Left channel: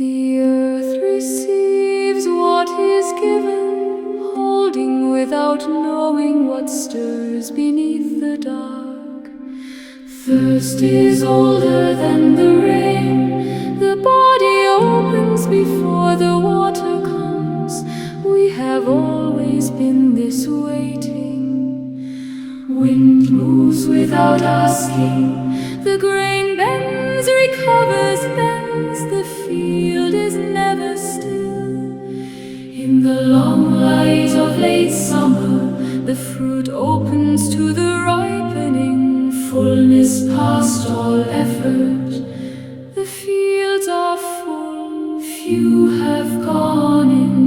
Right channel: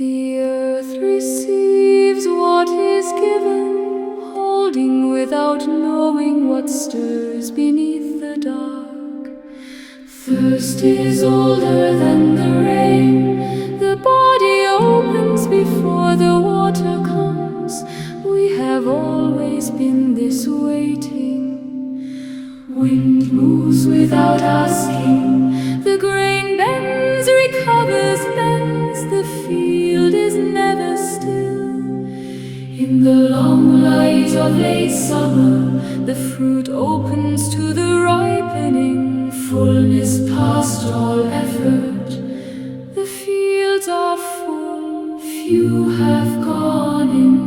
The earth receives what is given, holding without knowing what stirs beneath the dark. Thirst is older than the rain, the body opens before the water comes. We have always been this waiting. Wind moves without asking, the grain bends, recovers, bends, the field is never still. In the long light of late summer, the fruit opens to the ripening. Fullness past all effort, the fields are full, few have gone in